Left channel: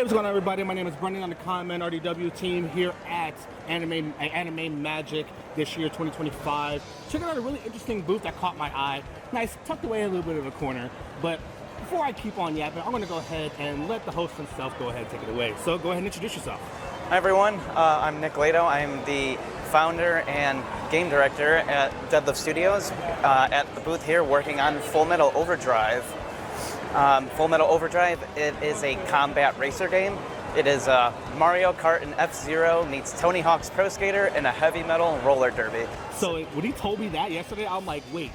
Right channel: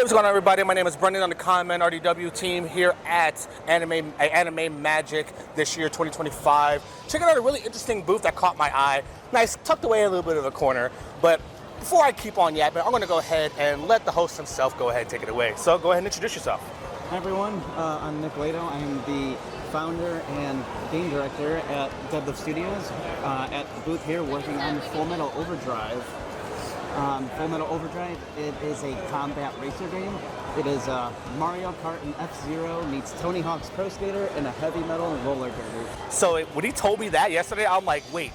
Hey, what's going on, everybody? My name is Brendan on the Conman RDW team here at Anime Magic this year, 2025. Checking out a really interesting booth that caught my eye. Nice, tucked away in a little bit of a corner. But before I keep on yapping, I'm going to go ahead and let the host himself go ahead and take it away. So go ahead and introduce yourself. Hi, everyone. I'm Nick Lato. I'm the founder and game director at Deadlift Studios at the booth here working on Full Metal Overdrive. Full Metal Overdrive, it is a combat racer game. It is Mario Kart and F-Zero meets Tony Hawk's Pro Skater and a heavy metal roller derby. So when he told me that yesterday, I'm like, wait.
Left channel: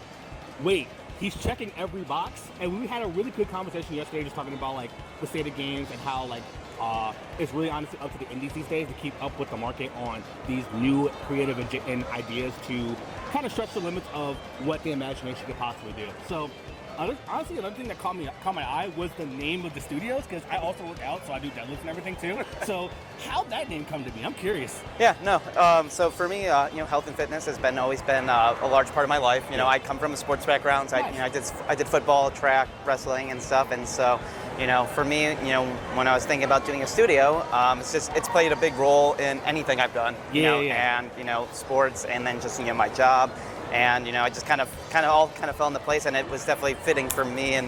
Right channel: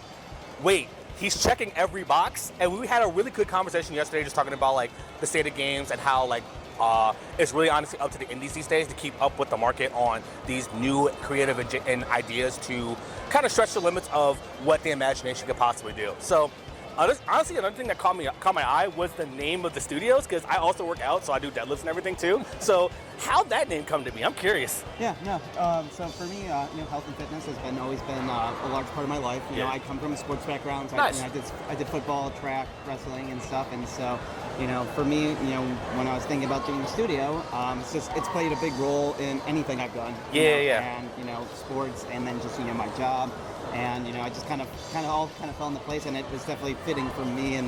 He's checking every box, and we had a really good conversation yesterday just talking about like the state of games and how like it's really honestly up to the indies these days to keep up with the market on these new creative and ideas to kind of stretch the limits of what the imagination could possibly do. So honestly, another thing that caught my eye was the name of the studios, because I also work out, so I do deadlifts and everything too. So how'd that name come to be? I'm curious. Yeah, no. So for me, health and fitness has always been a large part of my life. I come from a sports background. So nice. I did football, track, wrestling, and stuff. And so, for me, when I was thinking about doing a studio, it's played a big role in anything I've done. And sports, and then just my job. And I just kind of fell into place, and it was definitely fitting for me and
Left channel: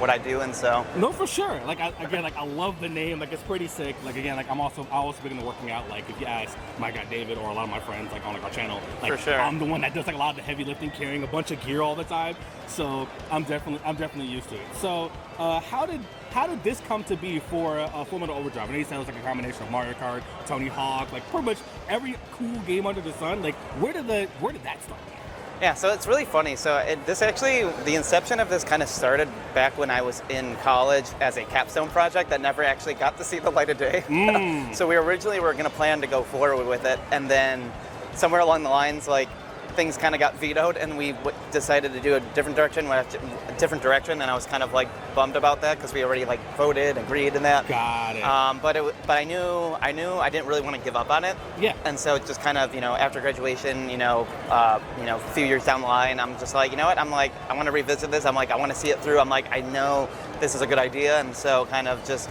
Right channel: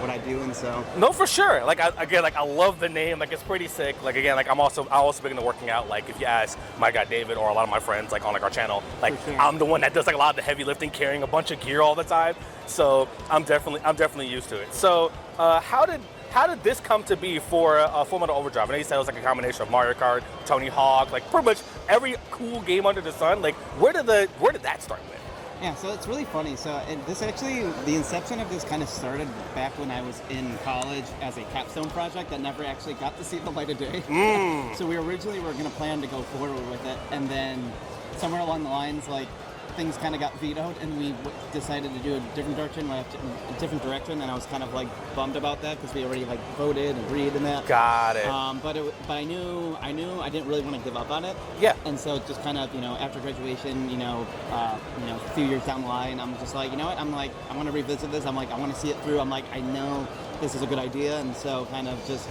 what I do, and so. No, for sure. I love the name. Like, it's pretty sick. I'm also big into working out. Like, if you ask my guy David or a lot of my friends on our channel, for sure. I'm the one that does a lot of the heavy lifting, carrying a bunch of gear all the time. So I'm definitely used to it. So how did this come to be for Full Metal Overdrive? I know you said it was like a combination of Mario Kart, Tony Hawk, like pretty much every cool game under the sun. Like, where did that start with? Yeah, so it's really funny. So the inception of this kind of started back when I was in college as a capstone project that never actually got to see the light of day. So we originally were going to plan to go forward with it, and then somewhere along the lines, things kind of got vetoed, and we decided to do a different direction, and I was kind of bummed about that because we already voted, agreed, and that. Got it. But I knew I didn't really want to give up on it. Yeah. And so just kind of after graduation, a few years down the line, I'm just like, I'm like, I want to revisit this. I'm like, I want to see it through. I'm like, I know this is a good idea, and so kind of just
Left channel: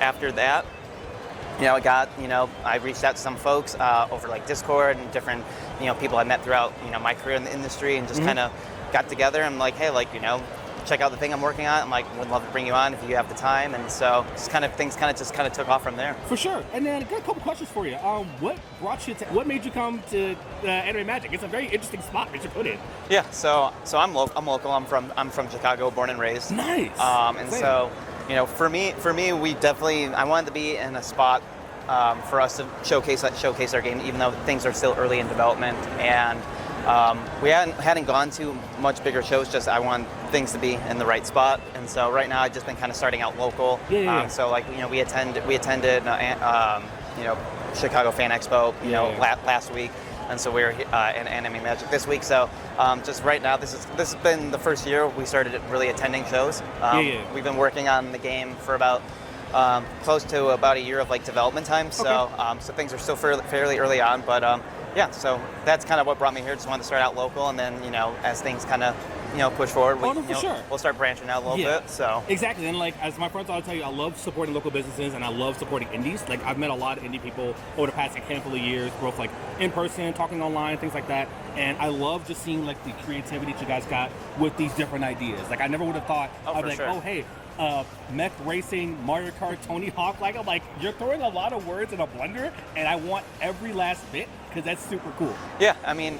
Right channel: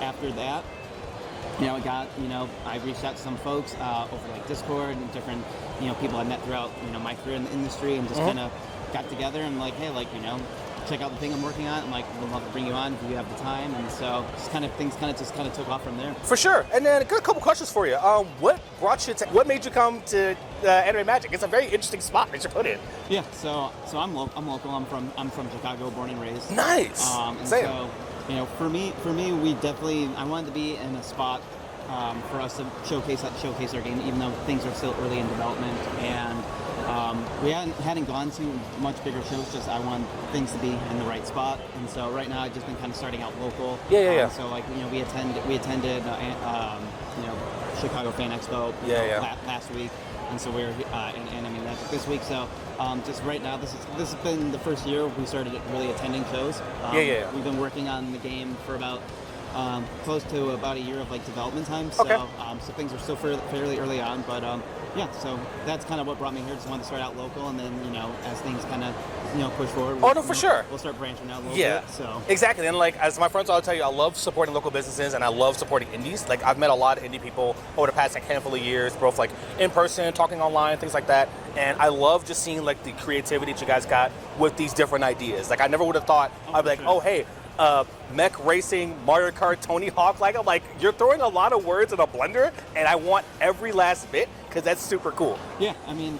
after that. I reached out to some folks over Discord and different, people I met throughout, my career in the industry, and just kind of got together. I'm like, hey, check out the thing I'm working on. I'm like, would love to bring you on if you have the time. And so things took off from there. For sure. And then I got a couple questions for you. What made you come to Anime Magic? It's a very interesting spot that you put in. Yeah. So I'm local. I'm from Chicago, born and raised. Nice. And same. So. For me, I wanted to be in a spot for us to showcase our game, even though things are still early in development, and we hadn't gone to much bigger shows. Just I want things to be in the right spot, and so right now I've just been kind of starting out local. Yeah. So we attended Chicago Fan Expo last week. And so we're in Anime Magic this week. So just right now, this has been the first year we started really attending shows. We've been working on the game for about close to about a year of development time. So Okay. So things are still fairly early on, but so that's kind of what brought me here. Just wanted to start out local, and then as things kind of push forward. For sure. We'll start branching out a little bit. So exactly, and as my friends all tell you, I love supporting local businesses and I love supporting indies. I've met a lot of indie people over the past handful of years, both in person, talking online, things like that. And I love just seeing the creativity that you guys got with these different ideas. I never would have thought I'd be sure. oh hey. Mech racing, Mario Kart, Tony Hawk. I'm like, you're throwing a lot of words in a blender, and I want every last bit because that's super cool. Yeah, I mean,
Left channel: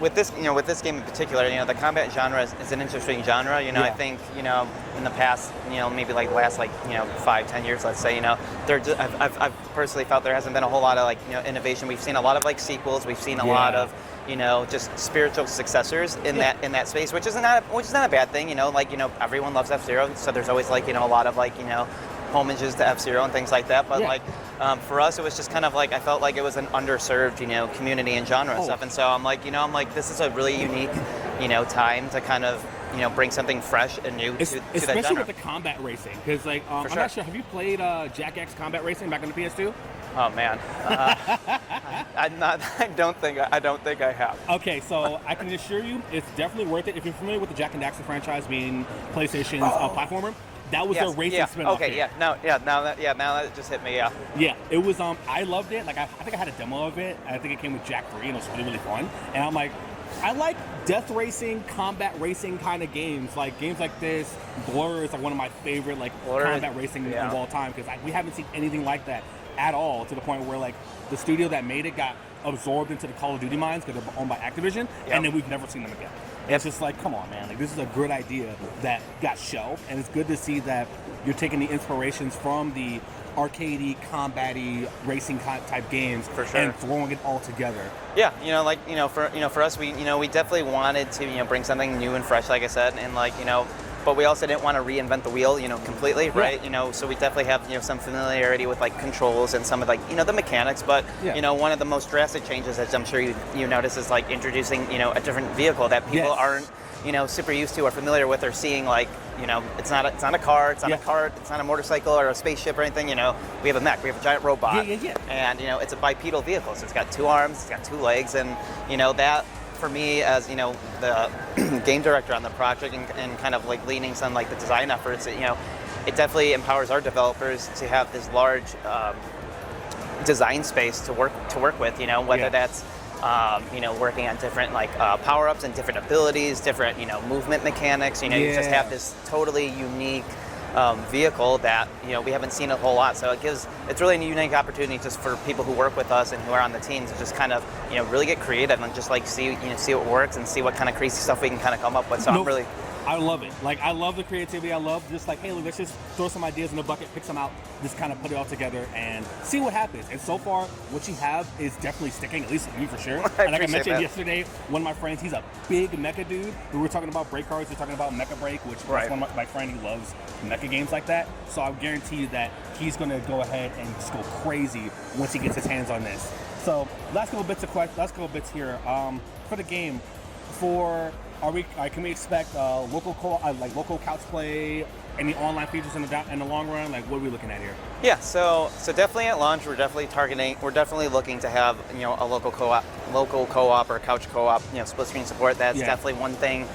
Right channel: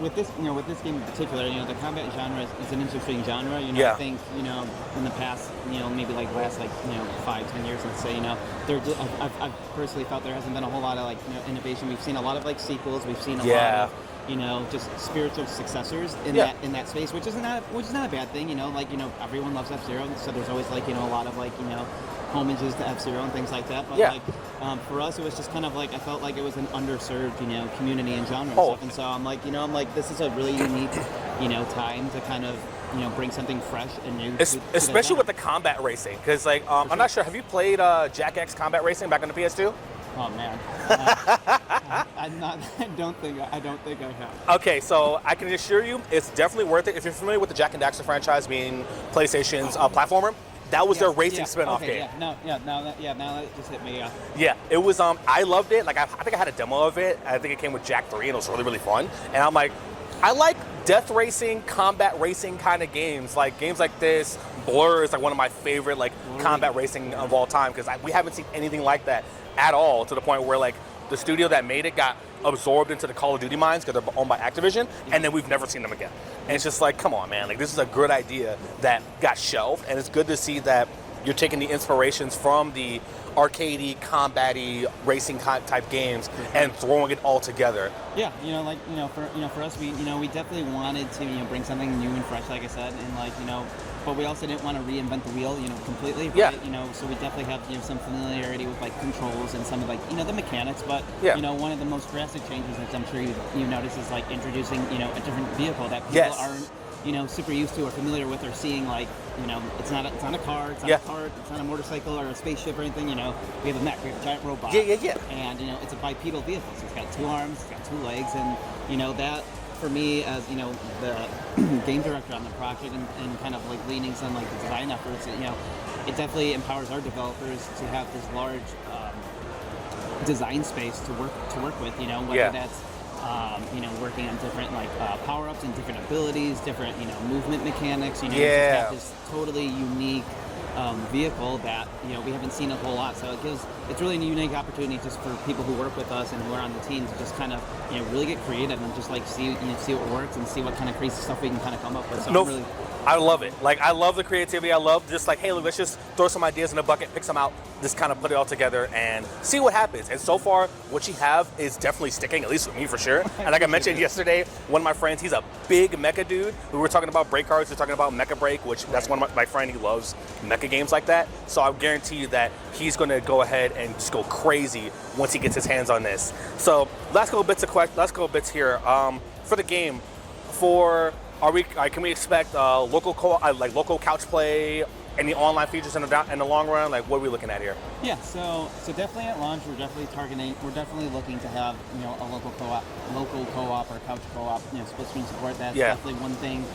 with this game in particular, the combat genre is an interesting genre. Yeah. I think, in the past, maybe last 5-10 years, let's say, I've personally felt there hasn't been a whole lot of innovation. We've seen a lot of sequels. We've seen a lot of just spiritual successors in that space, which is not a bad thing. Everyone loves F-Zero, so there's always a lot of homages to F-Zero and things like that. But for us, it was just kind of I felt like it was an underserved community and genre and stuff. And so I'm like, this is a really unique time to kind of bring something fresh and new, especially with the combat racing. Because I'm not sure. Have you played Jack X Combat Racing back on the PS2? Oh man, I don't think I have. Okay, so I can assure you, it's definitely worth it if you're familiar with the Jack and Daxter franchise, being PlayStation's platformer. That was Yes, their racing yeah, spin-off okay, game. now that just hit me. Yeah. Yeah, it was. I loved it. Like I think I had a demo of it. I think it came with Jack 3, and it was really really fun. And I'm like, I like death racing, combat racing kind of games. Like games like this, Blur is like one of my favorite like combat racing of all time because we haven't seen anything like that at all. To the point where like the studio that made it got absorbed into the Call of Duty minds because they're owned by Activision, and then we've never seen them again. And it's just like, come on, man. Like this is a good idea that got shelved, and it's good to see that you're taking the inspirations from the arcadey, combat-y, racing type games and throwing it all together. Yeah, for us, we definitely wanted to bring something new and fresh, like I said, and but we also didn't want to reinvent the wheel, completely, right? So we definitely have some familiarity with like controls and some of like the mechanics, but one of the most drastic changes, as I'm sure you notice, is like introducing a different vehicle that people aren't super used to or familiar with, or seeing like it's not a car, it's not a cart, it's not a motorcycle or a spaceship or anything. We have a mech, we have a giant robot, and it's a bipedal vehicle, so it's got 2 arms, it's got 2 legs, and that for me as the game director on the project and kind of like leaning some like the design efforts, it definitely empowers our developers to have this large design space to work with, whether that's working on different like power-ups and different abilities, different movement mechanics. You just have this totally unique vehicle that we haven't seen a whole lot. So it's really a unique opportunity just for people who work with us and who are on the team to just kind of really get creative and just like see what works and see what kind of crazy stuff we can kind of come up with. So I love it. Like, I love the creativity. I love just like, hey, look, let's just throw some ideas in a bucket, pick some out, just kind of put it all together and see what happens. And so far, what you have is definitely sticking, at least with me for sure. And like I mentioned yesterday, one of my friends, he's a big Mecha dude. We were talking about break cards, we were talking about Mecha Break, which that's one of my friend, he loves Mecha games like that. So I guarantee you that he's going to go ahead and just go crazy once he gets his hands on this. So last couple bits here. For the game, can we expect local couch play, any online features in the long run? Like, what are we looking at here? Yeah, so definitely at launch, we're definitely looking to have a local co-op or couch co-op, split screen support. That's definitely one thing.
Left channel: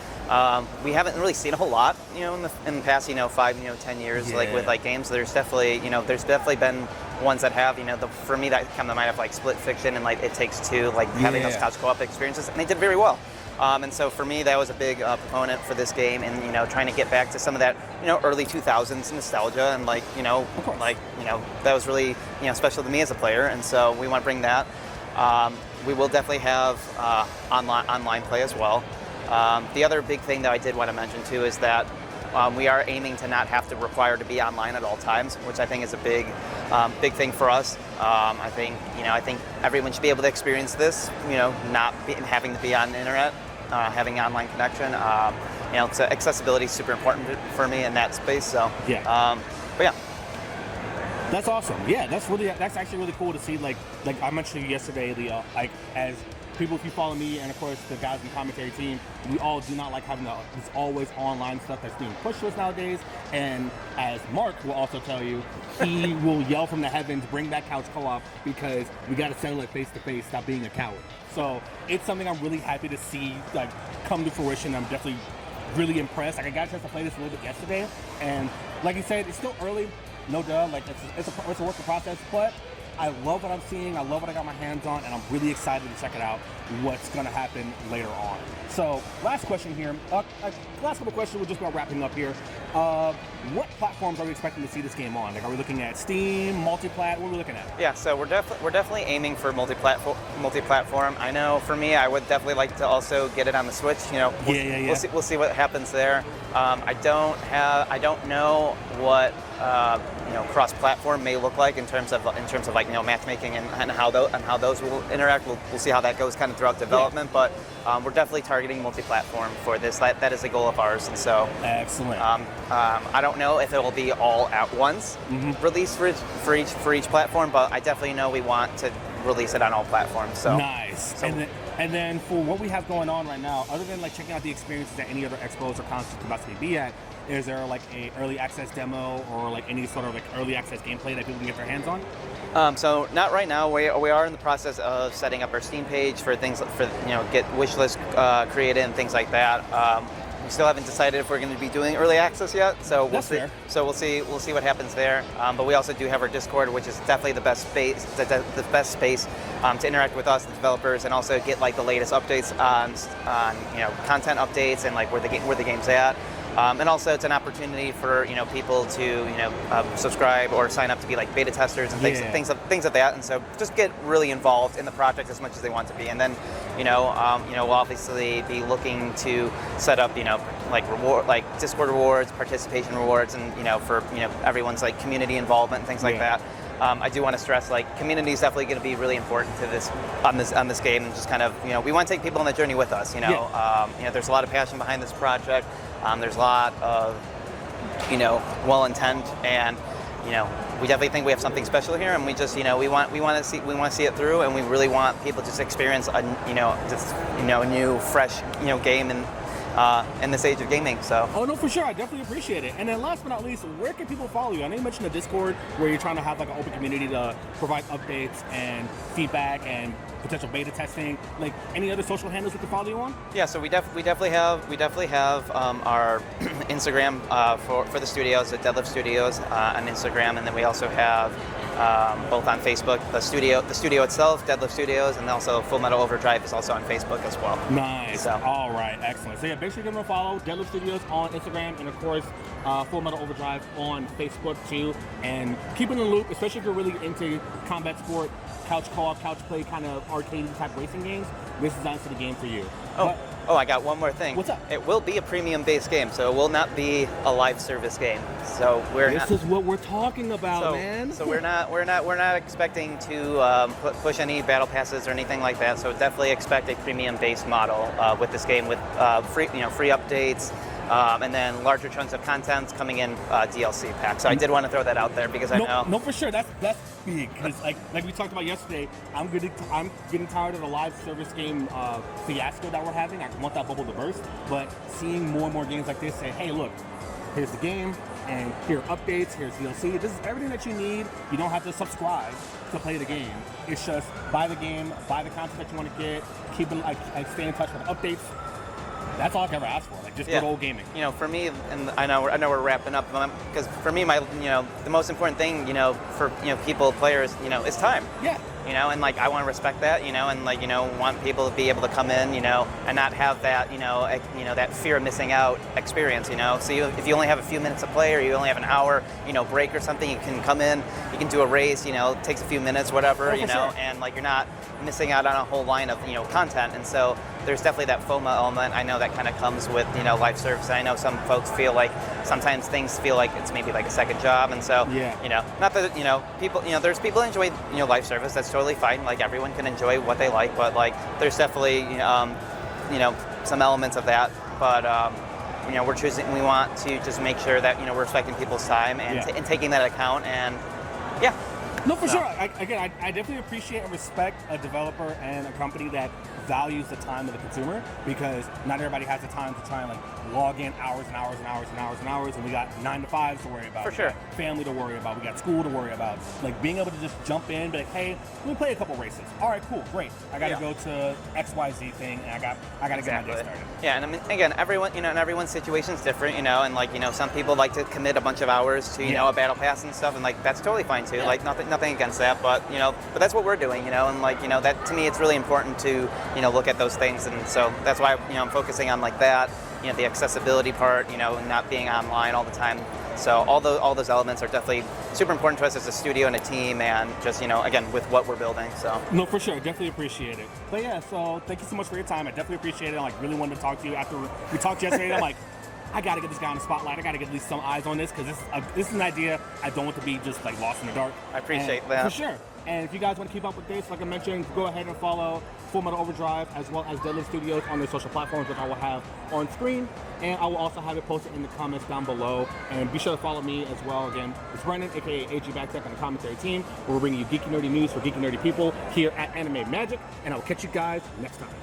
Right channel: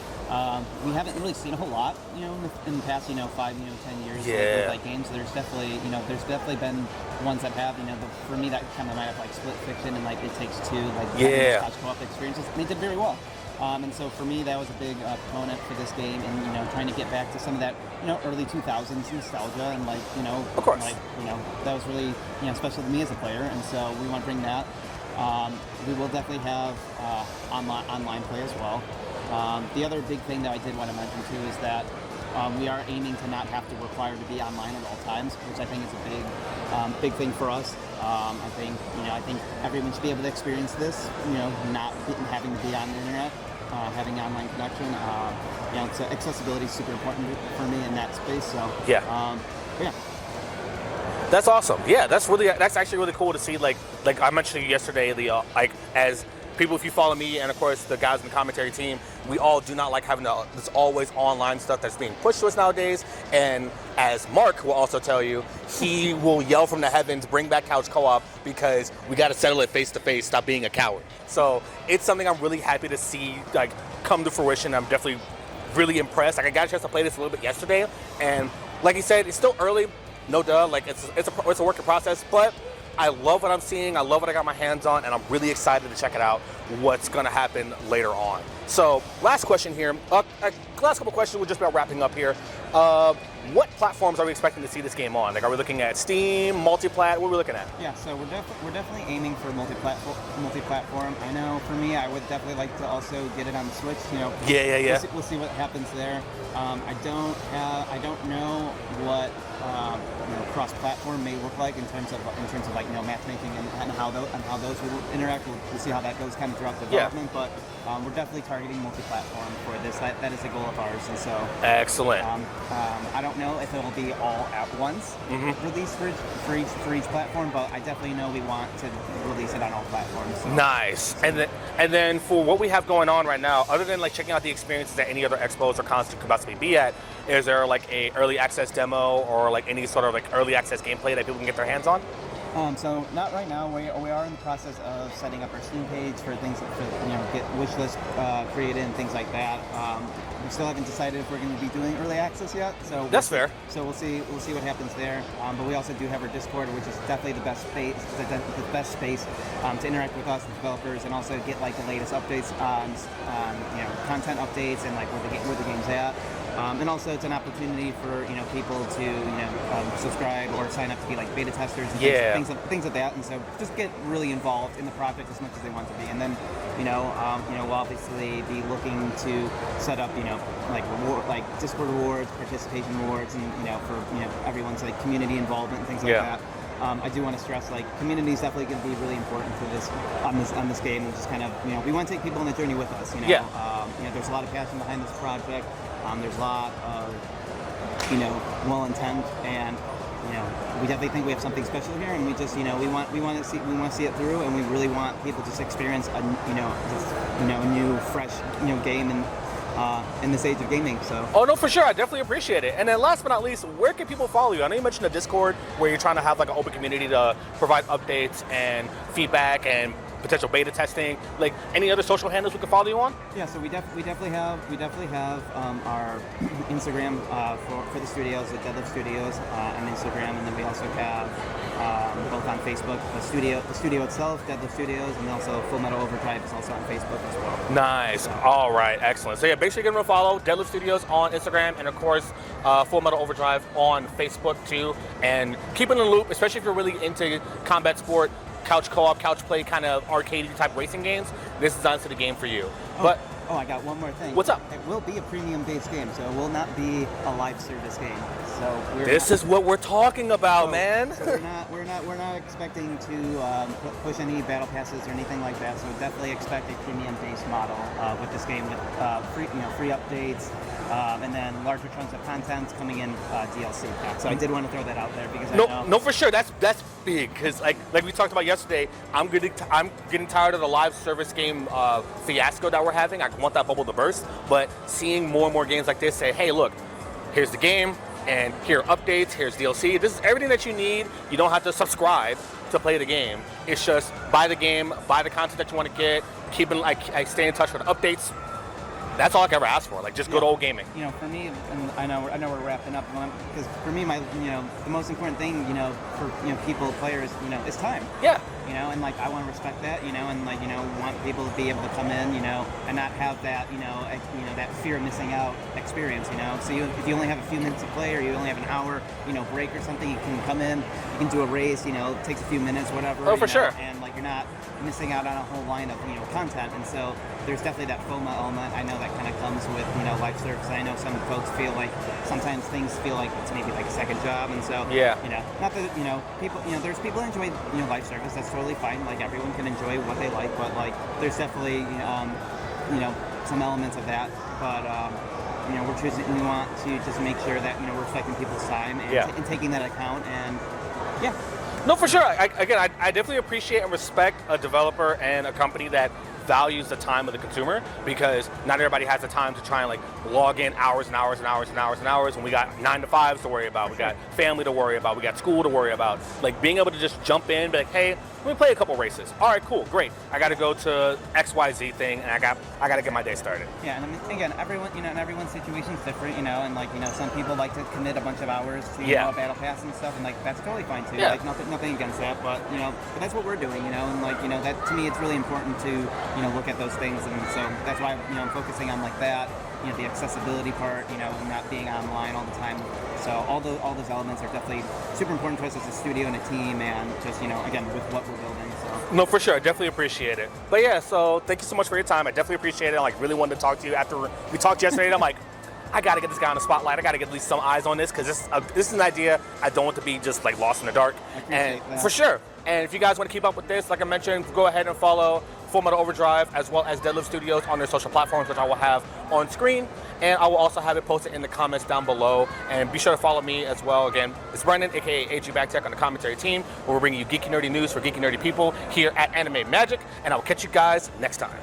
We haven't really seen a whole lot, in the past, 5, 10 years, like with like games. There's definitely been ones that have, for me that kind of might have like Split Fiction and like It Takes Two, like having those couch co-op experiences, and they did very well. And so for me, that was a big proponent for this game, and trying to get back to some of that early 2000s nostalgia, and like of course, like that was really special to me as a player, and so we want to bring that. We will definitely have online play as well. The other big thing that I did want to mention too is that we are aiming to not have to require to be online at all times, which I think is a big thing for us. I think everyone should be able to experience this, having to be on the internet, having online connection. So accessibility is super important for me in that space. So but yeah. That's awesome. Yeah, that's actually really cool to see. Like I mentioned yesterday, as people, if you follow me and of course the guys in the commentary team, we all do not like having this always online stuff that's being pushed to us nowadays. And as Mark will also tell you, he will yell from the heavens, bring back couch co-op, because we got to settle it face to face, stop being a coward. So it's something I'm really happy to see like come to fruition. I'm definitely really impressed. Like I got a chance to play this a little bit yesterday, and like you said, it's still early, no duh. Like it's a work in process, but I love what I'm seeing. I love what I got my hands on, and I'm really excited to check it out, what's going to happen later on. So last question here. Last couple questions, we're just about wrapping up here. What platforms are we expecting to see this game on? Like, are we looking at Steam, multi-plat? What are we looking at? Yeah, so we're definitely aiming for multi-platform. I know for me, I would definitely like to also get it on the Switch. We'll see what happens there. I don't know what cross-platform may look like in terms of like matchmaking and how those will interact. We'll see how that goes kind of throughout development, but we're definitely targeting multi-platform for this. That is a goal of ours, and so excellent. I don't know if it will be all at once released for each platform, but I definitely know we want to release it on all platforms. So nice. And then for what we have going on right now, other than like checking out the experiences that any other expos or cons could possibly be at, is there like a early access demo or like any sort of like early access gameplay that people can get their hands on? So not right now. We are in the process of setting up our Steam page for things get wish list created and things like that. We still haven't decided if we're going to be doing early access yet. So That's fair. So we'll see what happens there. But we also do have our Discord, which is definitely the best space, the best space to interact with us, the developers, and also get like the latest updates on content updates and like where the game's at. And also, it's an opportunity for people to subscribe or sign up to be like beta testers and things like that. And so, just get really involved in the project as much as they want to be. And then, we'll obviously be looking to set up like Discord rewards, participation rewards, and for everyone's like community involvement and things like that. I do want to stress like community is definitely going to be really important to this on this game. And just kind of we want to take people on the journey with us. There's a lot of passion behind this project. There's a lot of well intent, and we definitely think we have something special here, and we just we want to see it through, and we really want people to just experience a new fresh game in this age of gaming. So no, for sure, I definitely appreciate it. And then last but not least, where can people follow you? I know you mentioned the Discord where you're trying to have like an open community to provide updates and feedback and potential beta testing. Like any other social handles we can follow you on? Yeah, so we definitely have our Instagram for the studios, the Deadlift Studios on Instagram, and then we also have both on Facebook the studio itself, Deadlift Studios, and also Full Metal Overdrive is also on Facebook as well. Nice. So. All right, excellent. So yeah, make sure you give them a follow. Deadlift Studios on Instagram, and of course Full Metal Overdrive on Facebook too. And keep in the loop, especially if you're really into combat sport, couch co-op, couch play, kind of arcade type racing games. This is honestly the game for you. But I got one more thing. What's up? It will be a premium-based game, so it will not be a live service game. So this is what we're talking about, man. So we're not expecting to push any battle passes or anything like that. So definitely expect a premium-based model with this game, with free updates. And then larger chunks of content coming in DLC packs. So I did want to throw that out there because I know. No, for sure. That's big because like we talked about yesterday, I'm getting tired of the live service game fiasco that we're having. I want that bubble to burst. But seeing more and more games like this say, hey, look, here's the game, and here are updates, here's DLC. This is everything that you need. You don't have to subscribe to play the game. It's just buy the game, buy the content that you want to get, keep it like stay in touch with updates. That's all I can ever ask for, like just good old gaming. For me, and I know we're wrapping up, because for me, the most important thing, for people, players, is time. Yeah. And like I want to respect that, and like want people to be able to come in, and not have that, that fear of missing out experience, So if you only have a few minutes to play, or you only have an hour, break or something, you can come in, you can do a race, it takes a few minutes, whatever. Oh, for sure. And like you're not missing out on a whole line of content, and so there's definitely that FOMO element. I know that kind of comes with live service. I know some folks feel like sometimes things feel like it's maybe like a second job, and so not that people there's people that enjoy live service. That's totally fine. Like everyone can enjoy what they like, but like there's definitely some elements of that. But we want to just make sure that we're respecting people's time and taking that account, and No, for sure. I definitely appreciate and respect a developer and a company that values the time of the consumer, because not everybody has the time to try and like log in hours and hours and hours and hours and hours, and we got 9 to 5s to worry about, we got family to worry about, we got school to worry about. Like being able to just jump in, be like, hey, let me play a couple races. All right, cool, great. I got to go to XYZ thing, and I got to get my day started. Yeah, and I mean, again, everyone, and everyone's situation's different, and like some people like to commit a bunch of hours to a battle pass and stuff, and like that's totally fine too. Like nothing against that, but but that's what we're doing, and like that to me it's really important to look at those things, and so that's why I'm focusing on like that, the accessibility part, and not being online all the time. So all those elements are definitely super important to us as a studio and a team, and just again with what we're building. So no, for sure, I definitely appreciate it. But yeah, so thank you so much for your time. I definitely appreciate it. I like really wanted to talk to you after we talked yesterday. And I'm like, I gotta get this guy on the spotlight. I gotta get at least some eyes on this, because this is an idea I don't want to be just like lost in the dark. I appreciate that. For sure. And if you guys want to keep up with this, like I mentioned, go ahead and follow Full Metal Overdrive as well as Deadlift Studios on their social platforms, which I will have on screen. And I will also have it posted in the comments down below. And be sure to follow me as well. Again, it's Brendan, aka AG Backtech, on the commentary team, where we're bringing you geeky nerdy news for geeky nerdy people here at Anime Magic. And I will catch you guys next time.